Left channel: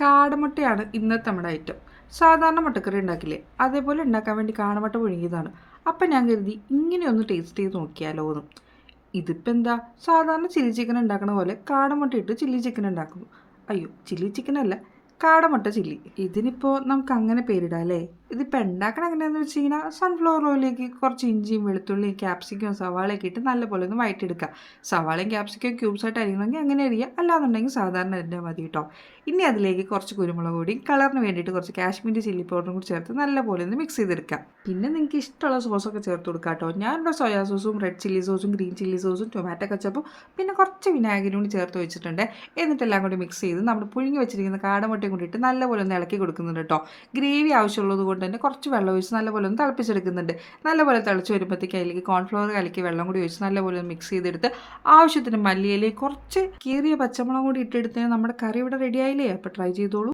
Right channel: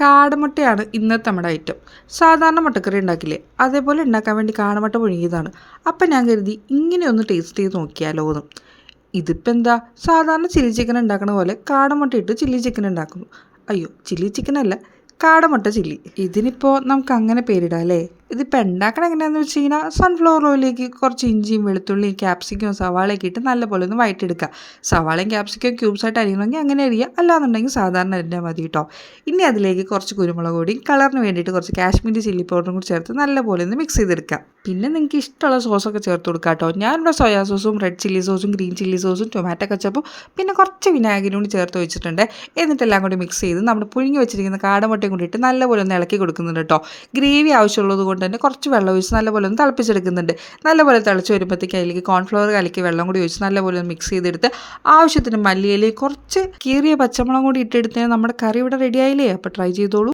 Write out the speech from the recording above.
കാടമുട്ടയാണ് ഇന്നത്തെ നമ്മുടെ ഐറ്റം. സാധാരണ മുട്ടക്കറി ഉണ്ടാക്കില്ലേ, അതേപോലെ ഉണ്ടാക്കാൻ വേണ്ടി കാടമുട്ട പുഴുങ്ങിയതാണ്. അപ്പം ഞാൻ കരുതി ഇങ്ങനെയൊന്ന് ടേസ്റ്റ് ചെയ്ത് നോക്കിയാലോ എന്ന്. ഇതിപ്പോൾ എന്താ, സാധാരണ ചില്ലി ചിക്കൻ ഉണ്ടാക്കണ പോലെ കാടമുട്ട ഇട്ട് ചില്ലി ചിക്കൻ ഉണ്ടാക്കുന്നു. അയ്യോ, ചില്ലി ചിക്കൻ അല്ല, കാടമുട്ട ചില്ലി. ഇതിനിപ്പോൾ നമുക്ക് അങ്ങനെ പേരിടാം അല്ലേ. ഇതിപ്പോൾ ഉണ്ടാക്കണം എങ്ങനെയാണെന്ന് വെച്ച് കഴിഞ്ഞാൽ സൺഫ്ലവർ ഓയിലേക്ക് കുറച്ച് ഇഞ്ചിയും വെളുത്തുള്ളിയും ക്യാപ്സിക്കവും സവാളയൊക്കെ ഇട്ട് നല്ലപോലെ ഒന്ന് വഴറ്റിയെടുക്കുക. സവാളയും ക്യാപ്സിക്കവും ക്യൂബ്സായിട്ട് അരിയണമെങ്കിൽ അങ്ങനെ അരിയുക, അല്ലാന്നുണ്ടെങ്കിൽ സാധാരണ അരിഞ്ഞാൽ മതി കേട്ടോ. ഇനി അതിലേക്ക് കുറച്ച് കുരുമുളക് പൊടിയും കളറിന് വേണ്ടിയിട്ട് കുറച്ച് കാശ്മീരി ചില്ലി പൗഡറും കൂടി ചേർത്ത് നല്ലപോലെ ഒന്ന് മിക്സ് ചെയ്തെടുക്കുക. പിന്നെ നിങ്ങൾക്ക് ഇഷ്ടമുള്ള സോസൊക്കെ ചേർത്ത് കൊടുക്കുക കേട്ടോ. ഞാനിവിടെ സോയാ സോസും റെഡ് ചില്ലി സോസും ഗ്രീൻ ചില്ലി സോസും ടൊമാറ്റോ കച്ചപ്പും പിന്നെ കുറച്ച് വിനാഗിരിയും കൂടി ചേർത്ത് വെച്ചിട്ടുണ്ട്. എന്നിട്ടെല്ലാം കൂടി മിക്സ് ചെയ്ത് നമ്മൾ പുഴുങ്ങി വെച്ചിരിക്കുന്ന കാടമുട്ടയും കൂടിയിട്ട് നല്ലപോലെ ഒന്ന് ഇളക്കി കൊടുക്കുന്നുണ്ട് കേട്ടോ. ഗ്രേവി ആവശ്യമുള്ളത് കൊണ്ട് തന്നെ കുറച്ച് വെള്ളം ഒഴിച്ച് നല്ലപോലെ ഒന്ന് തിളപ്പിച്ചെടുക്കുന്നുണ്ട്. നല്ലപോലെ തിളച്ച് വരുമ്പോഴത്തേക്ക് അതിലേക്ക് കോൺഫ്ലവർ കലക്കി വെള്ളം കൂടി ഒഴിച്ച് നല്ലപോലെ ഒന്ന് മിക്സ് ചെയ്തെടുത്ത് ആവശ്യത്തിന് മല്ലിയിലയും കുറച്ച് കീറിയ പച്ചമുളകും കൂടി ഇട്ടെടുത്താൽ നമ്മുടെ കറി ഇവിടെ റെഡി ആയില്ലേ. അപ്പോൾ ട്രൈ ചെയ്തോളൂ.